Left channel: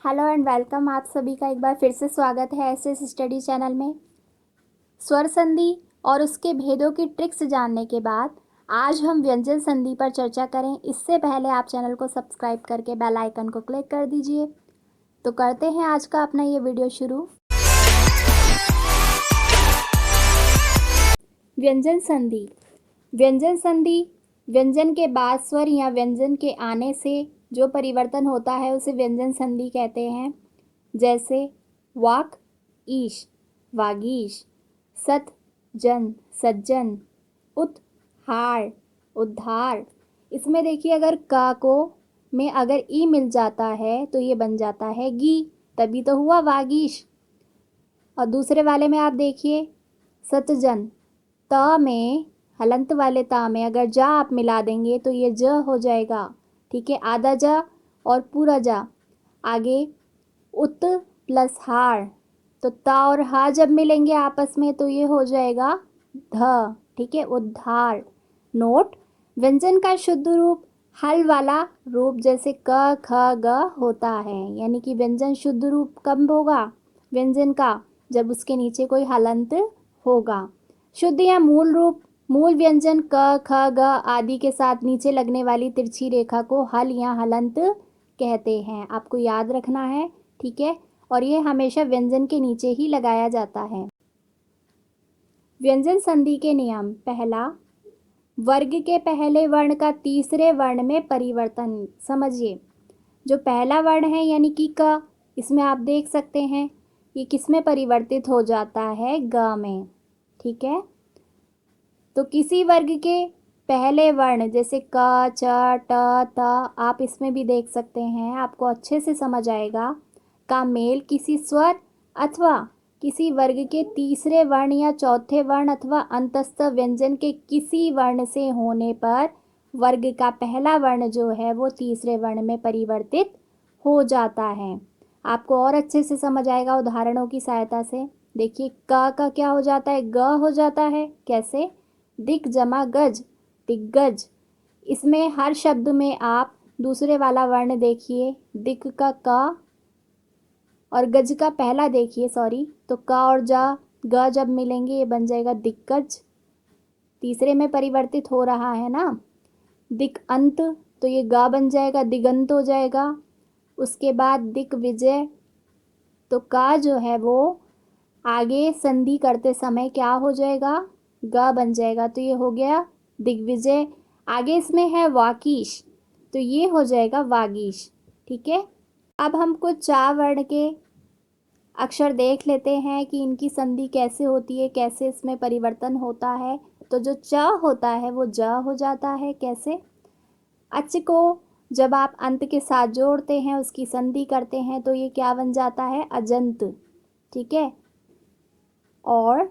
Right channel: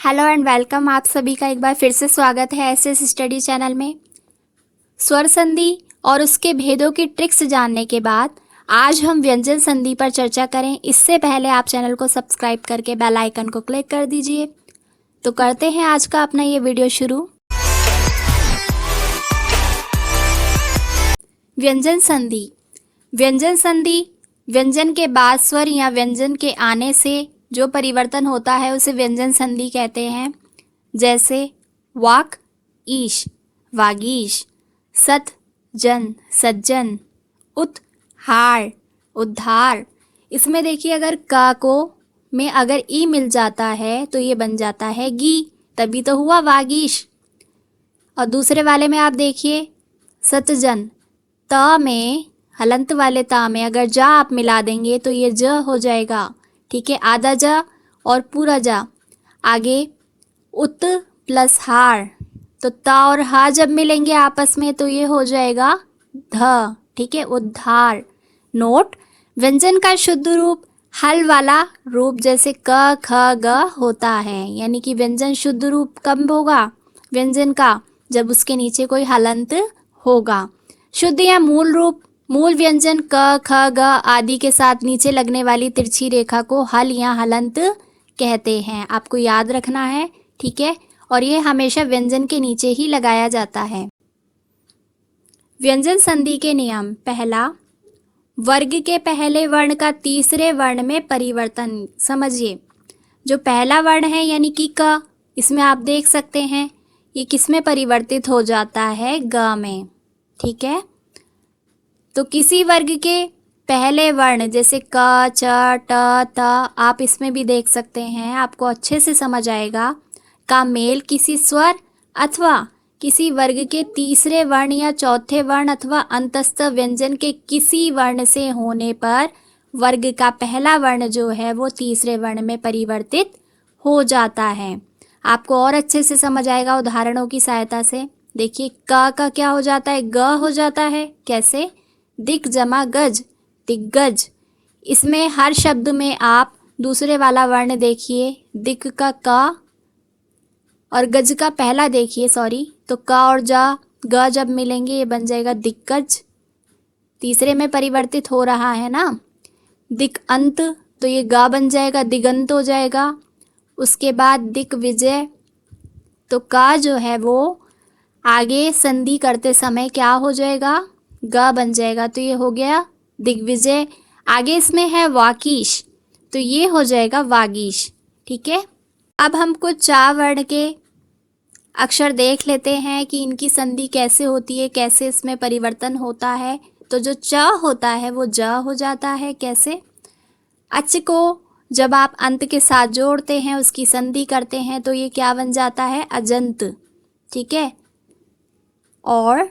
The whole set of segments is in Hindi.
Hello and welcome. आप सभी का एक बार फिर से स्वागत है एसएस स्टडी चैनल में। स्वर संधि और उसके भेदों की ट्रिक्स जानने के बाद आज हम व्यंजन संधि पर चर्चा करें। इससे पहले आप चैनल को सब्सक्राइब करके बेल आइकन को क्लिक कर दीजिए। तो करते हैं आज का अपना ये वीडियो शुरू। व्यंजन संधि। व्यंजन संधि व्यंजन के बाद स्वर या व्यंजन के आने से जो परिवर्तन होता है उसे व्यंजन संधि कहते हैं। जैसे वाक, ईश, वागीश, सत, जन, सज्जन, उत, हार, उद्धार। इसमें देखिए अगर का को में अगर ई मिल जाता है तो ये बन जाता है गी, तभी तो हुआ वागीश। और दूसरे वाले में आप देखिए सतजन, त में हलंत वाले ता में अगर जा आप मिला देंगे तो ये ज हो जाएगा। ठीक है, आधा जा और पूरा जा। आगे उत प्लस हार, तो ता और हा जब मिलेंगे आपस में तो ये हो जाएगा ध। ठीक है, उद्धार। नोट, व्यंजन का शुद्ध रूप हल वाला रूप जैसे क ख ग होता है। यानी कि व्यंजन शुद्ध रूप कब होगा व्यंजन का, जब उसके नीचे कोई हलंत होगा। शुद्ध या मूल रूप, मूल व्यंजन क ख ग आदि के साथ नीचे लगने वाली तिरछी रेखा को हल या हलंत कहते हैं। आपको याद रखना है। ठीक है, और ये हमेशा व्यंजन के नीचे ही लगाया जाता है। व्यंजन संधि के नियम। पहला, वर्ग के पहले वर्ण का तीसरे वर्ण में परिवर्तन। समझिए, जो पहला वर्ण है यानी कि क, इसमें आप देख सकते हैं ये किस में परिवर्तित हो जाता है, ग में। ठीक है, तो किसी वर्ग के पहले वर्ण जैसे क, च, ट, त, आप इसमें भी देख सकते हैं, आपको अच्छे से समझ आएगा, का मेल किसी स्वर अथवा किसी वर्ग के तीसरे वर्ण या चौथे वर्ण अथवा अंतस्थ व्यंजन के किसी वर्ण से होने पर वर्ग का पहला वर्ण जो है वो तीसरे वर्ण में परिवर्तित हो जाता है। आपको और अच्छे से समझ आएगा उदाहरणों की सहायता से। देखिए, क का क्या हो जाता है, ग हो जाता है। कैसे? दिक जमा गज, दिग्गज। इसमें हर शब्द में आप दूसरे वाला वर्ण देखिए, दिक का क और गज का पहला देखिए, तो क और जा ग जब मिलेंगे ये बन जाएगा दिग्गज। तीसरे में परिवर्तित हो रहा है ना। दिक अंत, तो ये गा बन जाएगा, दिगंत हो जाएगा। उसके बाद दिक विजय, तो का जो है वो आगे संधि करते समय क्या हो जाएगा, ग बन जाएगा, तो ये हो गया दिग्विजय। आगे इसमें है वाकीश, तो ये हो जाएगा वागीश। ठीक है, अब हम कुछ चा वर्ण के अक्षर देख लेते हैं कि इनकी संधि कैसे होती है, कैसे इसमें परिवर्तन होता है। तो जो च होता है वो ज हो जाता है। कैसे? अच को जब आप अंत के साथ जोड़ते हैं, उसकी संधि करते हैं, तो ये क्या बन जाता है, अजंत। ठीक है, और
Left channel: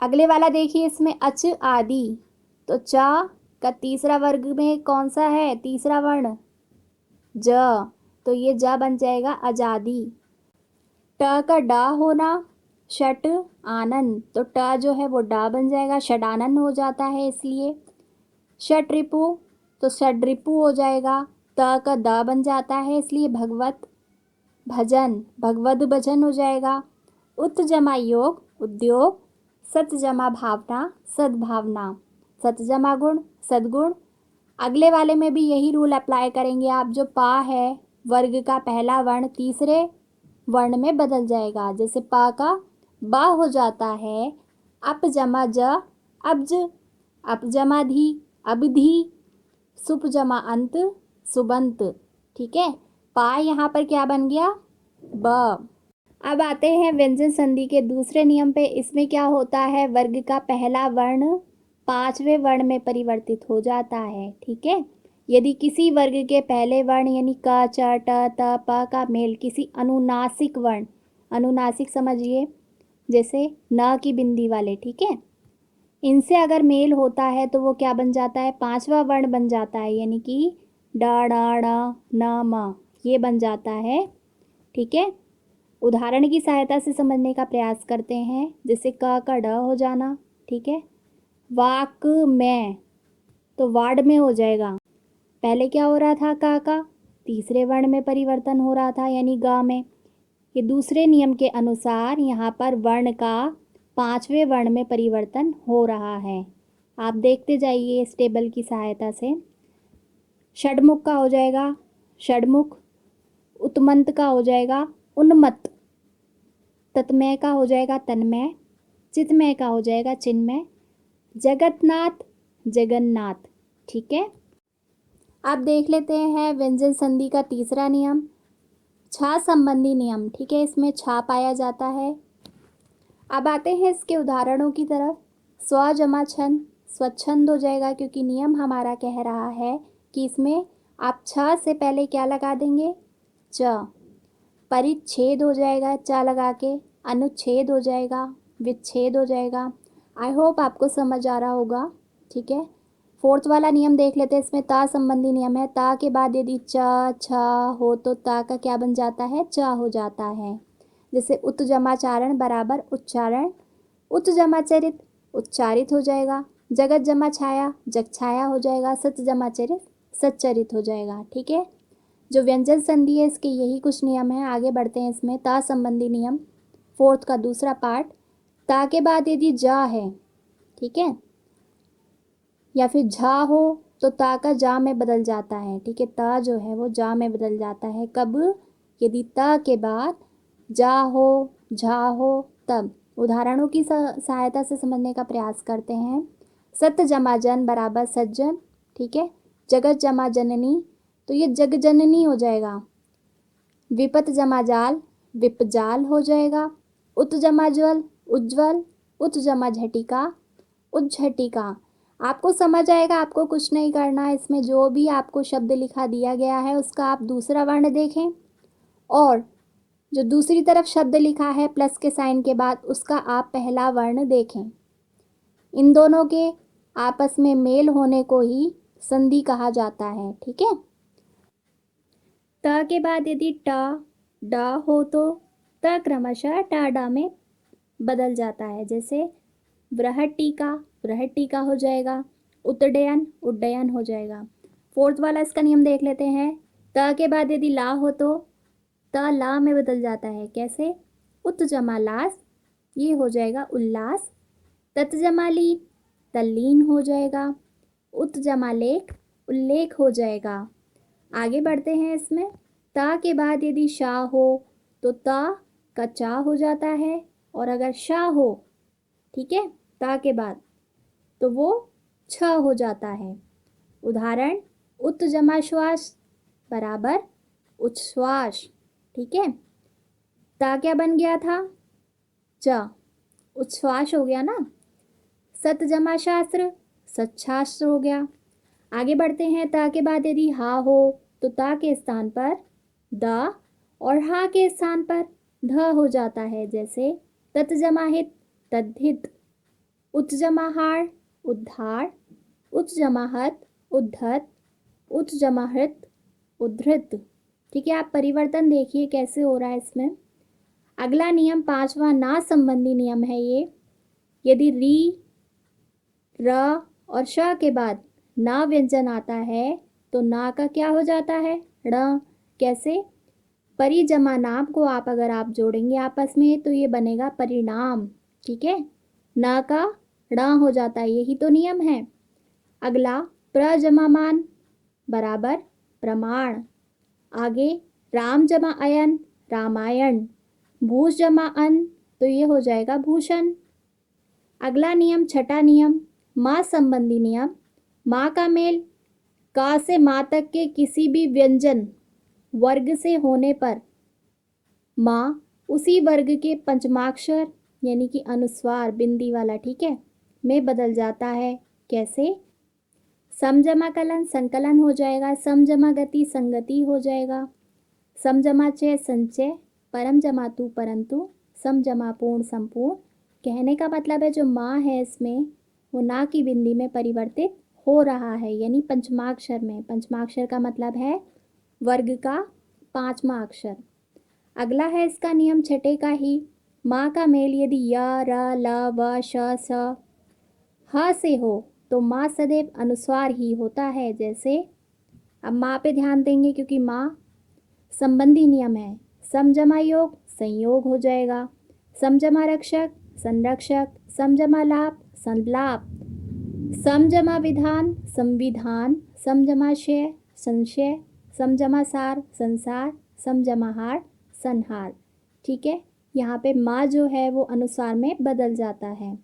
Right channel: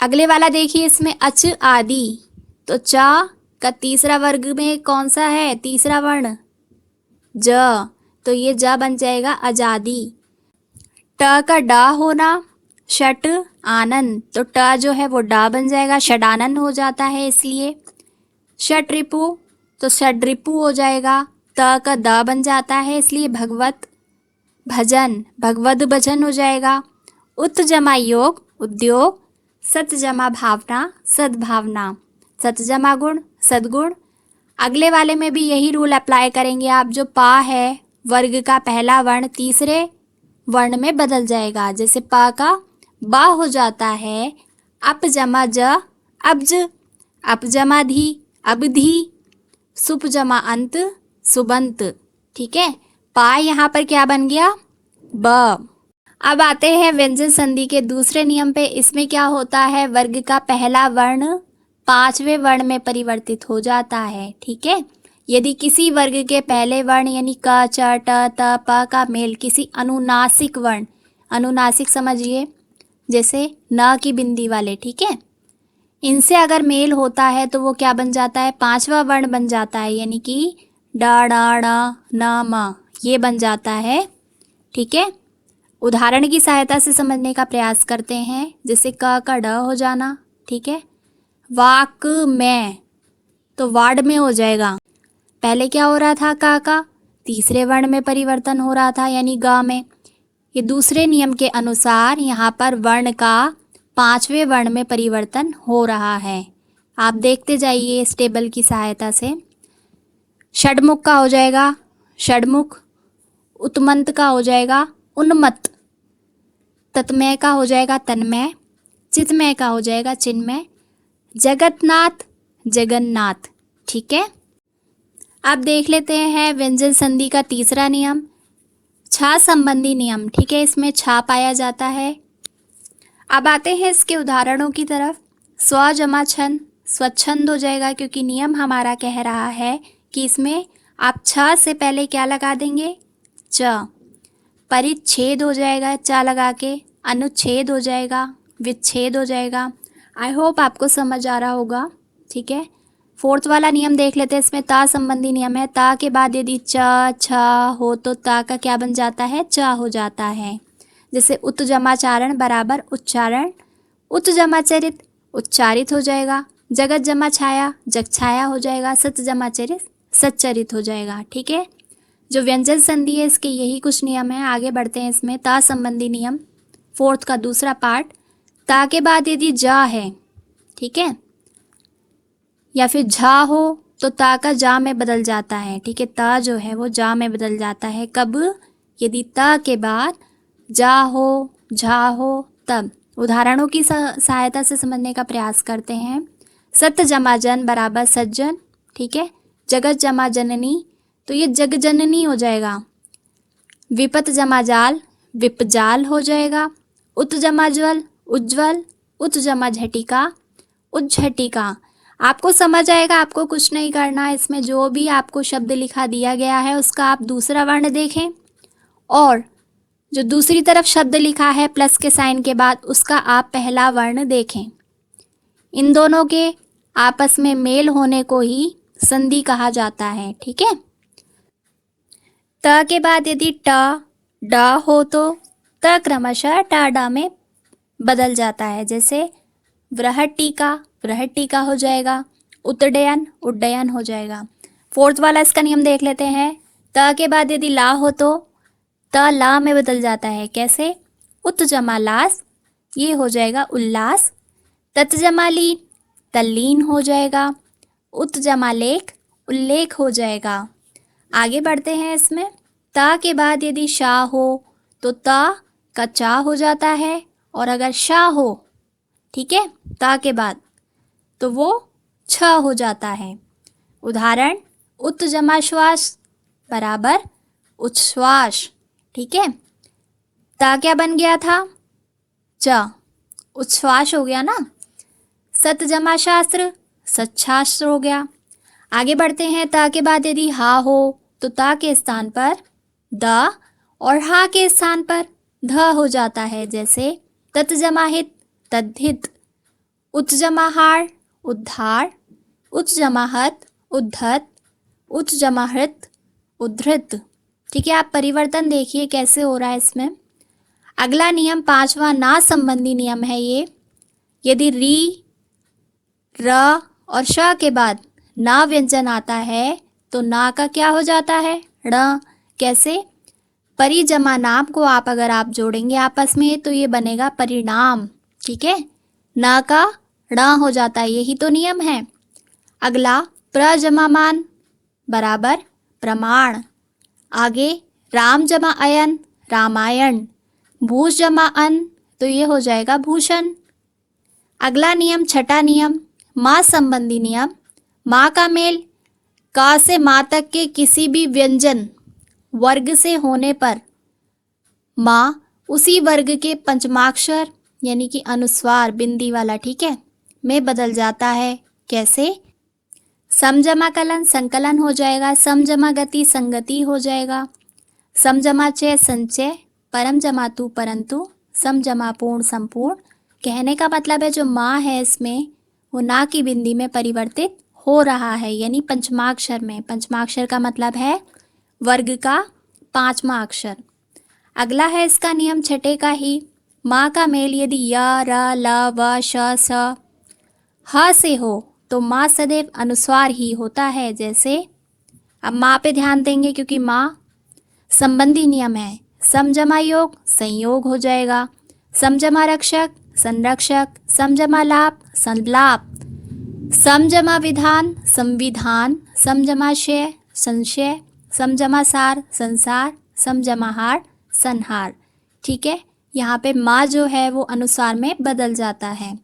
अगले वाला देखिए, इसमें अच आदि, तो चा का तीसरा वर्ग में कौन सा है, तीसरा वर्ण ज, तो ये ज बन जाएगा अजादी। ट का डा होना, षट आनंद, तो ट जो है वो डा बन जाएगा, षडानंद हो जाता है इसलिए। षट रिपु, तो षड रिपु हो जाएगा। त का द बन जाता है इसलिए भगवत भजन, भगवद भजन हो जाएगा। उत जमा योग, उद्योग। सत जमा भावना, सद्भावना। सत जमा गुण, सद्गुण। अगले वाले में भी यही रूल अप्लाई करेंगे आप। जो पा है वर्ग का पहला वर्ण तीसरे वर्ण में बदल जाएगा। जैसे पा का बा हो जाता है, अप जमा ज, अब्ज। अप जमा धी, अबधी। सुप जमा अंत, सुबंत। ठीक है, पा यहाँ पर क्या बन गया, ब। अब आते हैं व्यंजन संधि के दूसरे नियम पे। इसमें क्या होता है, वर्ग का पहला वर्ण पांचवें वर्ण में परिवर्तित हो जाता है। ठीक है, यदि किसी वर्ग के पहले वर्ण यानी क, च, ट, त, प का मेल किसी अनुनासिक वर्ण, अनुनासिक समझिए जैसे न की बिंदी वाले, ठीक है, इनसे अगर मेल होता है तो वो क्या बन जाता है, पांचवा वर्ण बन जाता है। यानी कि डा डा ड़ न म, ये बन जाता है। ठीक है, उदाहरण की सहायता से समझने का प्रयास करते हैं। जैसे क का ड हो जाना, ठीक है, वाक में, तो वार्ड में हो जाएगा। पहले क्या हो रहा था, का तीसरे वर्ण में परिवर्तन हो रहा था यानी ग में। ये दूसरे नियम के अनुसार यहाँ पर वर्ण का पांचवें वर्ण में परिवर्तन हो रहा है। आप देखते जाइए इस टेबल की सहायता से। षडमुख का हो जाएगा षडमुख, उत्मंत का हो जाएगा उन्मत्त, तत्मय का हो जाएगा तन्मय, चित्मय का हो जाएगा चिन्मय, जगतनाथ जगन्नाथ। ठीक है, अब देख लेते हैं व्यंजन संधि का तीसरा नियम, छा संबंधी नियम। ठीक है, इसमें छा पाया जाता है। अब आते हैं इसके उदाहरणों की तरफ। स्व जमा छंद, स्वच्छंद हो जाएगा क्योंकि नियम हमारा कह रहा है कि इसमें आप छ से पहले क्या लगा देंगे, च। परिच्छेद हो जाएगा च लगा के, अनुच्छेद हो जाएगा, विच्छेद हो जाएगा। आई होप आपको समझ आ रहा होगा। ठीक है, फोर्थ वाला नियम देख लेते हैं। इसमें ता संबंधी नियम है। ता के बाद यदि च छ हो तो ता का क्या बन जाता है, च हो जाता है। जैसे उत जमाचारण बराबर उच्चारण, उत जमाचरित उच्चारित हो जाएगा। जगत जमा छाया जग छाया हो जाएगा। सत जमाचरित सच्चरित हो जाएगा। ठीक है, जो व्यंजन संधि है इसके यही कुछ नियम है। आगे बढ़ते हैं इसमें ता संबंधी नियम, फोर्थ का दूसरा पार्ट। ता के बाद यदि जा है, ठीक है, या फिर झा हो तो ता का जा में बदल जाता है। ठीक है, ता जो है वो जा में बदल जाता है। कब, यदि ता के बाद जा हो झा हो तब। उदाहरणों की सहायता से समझने का प्रयास करते हैं। सत जमा जन बराबर सज्जन। ठीक है, जगत जमा जननी तो ये जग जननी हो जाएगा। विपत जमा जाल विपजाल हो जाएगा। उत जमा ज्वल उज्ज्वल, उत जमा झटिका उज्झटिका। आपको समझ आएगा, आपको कुछ नहीं करना। इसमें जो भी आपको शब्द लिखा दिया गया है उसका आप दूसरा वर्ण देखें और जो दूसरी तरफ शब्द लिखा है प्लस के साइन के बाद उसका आप पहला वर्ण देखें। इन दोनों के आपस में मेल होने को ही संधि कहा जाता है। ठीक है, त के बाद यदि ट ड हो तो त क्रमशः टा डा में बदल जाता है। जैसे वृहटीका वृहटीका हो जाएगा। उद्डयन उड्डयन हो जाएगा। फोर्थ वाला इसका नियम देख लेते हैं। त के बाद यदि ला हो तो त ला में बदल जाता है। कैसे, उत जमा लास ये हो जाएगा उल्लास। तत् जमा लीन तल्लीन हो जाएगा। उत जमा लेख उल्लेख हो जाएगा। आगे बढ़ते हैं इसमें। ता के बाद यदि शाह हो तो ता का चा हो जाता है और अगर शाह हो, ठीक है, ता के बाद तो वो छ हो जाता है। उदाहरण, उत जमा श्वास बराबर उच्छ्वास। ठीक है, ता क्या बन गया था, च, उच्छ्वास हो गया ना। सत जमा शास्त्र सच्छास्त्र हो गया। आगे बढ़ते हैं। ता के बाद यदि हा हो तो ता के स्थान पर द और हा के स्थान पर ध हो जाता है। जैसे तत् जमा हित तद्धित, उच्च जमा हार उद्धार, उच्च जमा हत उद्धत, उच्च जमा हृत उद्धृत। ठीक है, आप परिवर्तन देखिए कैसे हो रहा है इसमें। अगला नियम पांचवा ना संबंधी नियम है ये। यदि री र और श के बाद ना व्यंजन आता है तो ना का क्या हो जाता है, ण। कैसे, परि जमा नाम को अगर आप जोड़ेंगे आपस में तो ये बनेगा परिणाम। ठीक है, ना का ण हो जाता है, यही तो नियम है। अगला प्र जमा मान बराबर प्रमाण। आगे राम जमा अयन रामायण, भूष जमा अन तो ये हो जाएगा भूषण। अगला नियम छठा नियम माँ संबंधी नियम। माँ का मेल का से माँ तक के किसी भी व्यंजन वर्ग से होने पर माँ उसी वर्ग के पंचमाक्षर यानी कि अनुस्वार बिंदी वाला, ठीक है, में बदल जाता है। कैसे, समजमा कलन संकलन हो जाएगा। समजमा गति संगति हो जाएगा। समजमा चय संचय, परम जमा तू परंतु, समजमा पूर्ण संपूर्ण। कहने का मतलब है जो माँ है इसमें वो ना की बिंदी में परिवर्तित हो रहा है यानी पंचमाक्षर में। पंचमाक्षर का मतलब है वर्ग का पांचवा अक्षर। अगला है इसका नियम छठे का ही। माँ का मेल यदि य र ल व श स ह से हो तो माँ सदैव अनुस्वार ही होता है। जैसे अब माँ पे ध्यान देंगे क्योंकि माँ संबंधी नियम है। सम जमा योग संयोग हो जाएगा। सम जमा रक्षक संरक्षक, सम जमा लाभ संलाप, सम जमा विधान संविधान, सम जमा शय संशय, सम जमा सार संसार, सम जमा हार संहार। ठीक है, यहाँ पे माँ जो है वो अनुसार में बदल जाता है।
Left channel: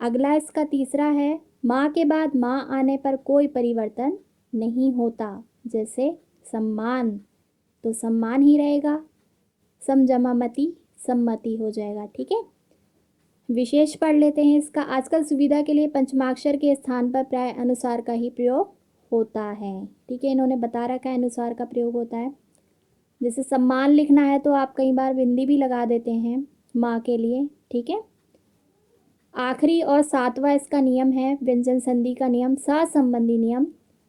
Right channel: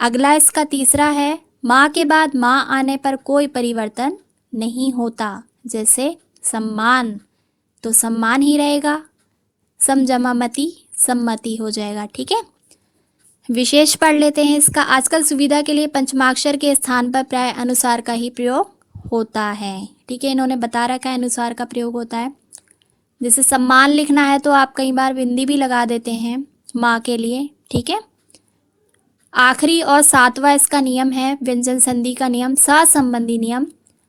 अगला इसका तीसरा है, माँ के बाद माँ आने पर कोई परिवर्तन नहीं होता। जैसे सम्मान, तो सम्मान ही रहेगा। सम जमा मति सम्मति हो जाएगा। ठीक है, विशेष पढ़ लेते हैं इसका। आजकल सुविधा के लिए पंचमाक्षर के स्थान पर प्राय अनुसार का ही प्रयोग होता है। ठीक है, इन्होंने बता रखा है अनुसार का प्रयोग होता है। जैसे सम्मान लिखना है तो आप कई बार बिंदी भी लगा देते हैं माँ के लिए। ठीक है, आखिरी और सातवां इसका नियम है व्यंजन संधि का नियम, सा संबंधी नियम।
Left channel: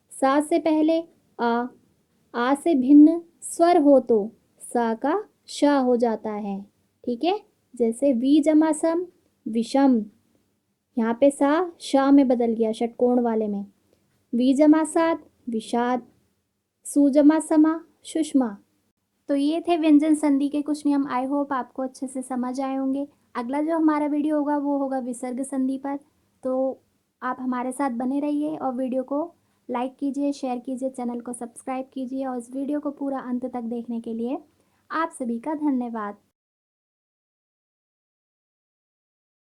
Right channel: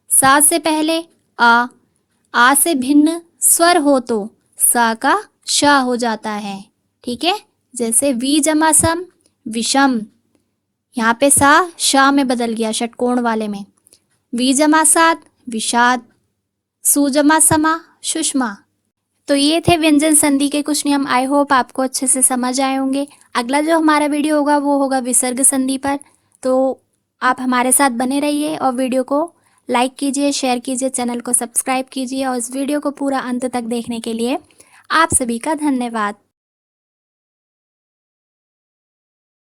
सा से पहले आ से भिन्न स्वर हो तो सा का श हो जाता है। ठीक है, जैसे वी जमा सम विषम, यहाँ पे सा श में बदल गया षटकोण वाले में। वी जमा सात विषाद, सु जमा समा सुषमा। तो ये थे व्यंजन संधि के कुछ नियम। आई होप आपको अच्छे से समझ आए होंगे। अगला जो हमारा वीडियो होगा वो होगा विसर्ग संधि पर। तो आप हमारे साथ बने रहिए और वीडियो को लाइक कीजिए, शेयर कीजिए, चैनल को सब्सक्राइब कीजिए। और इस वीडियो को पूरा अंत तक देखने के लिए आप सभी का धन्यवाद।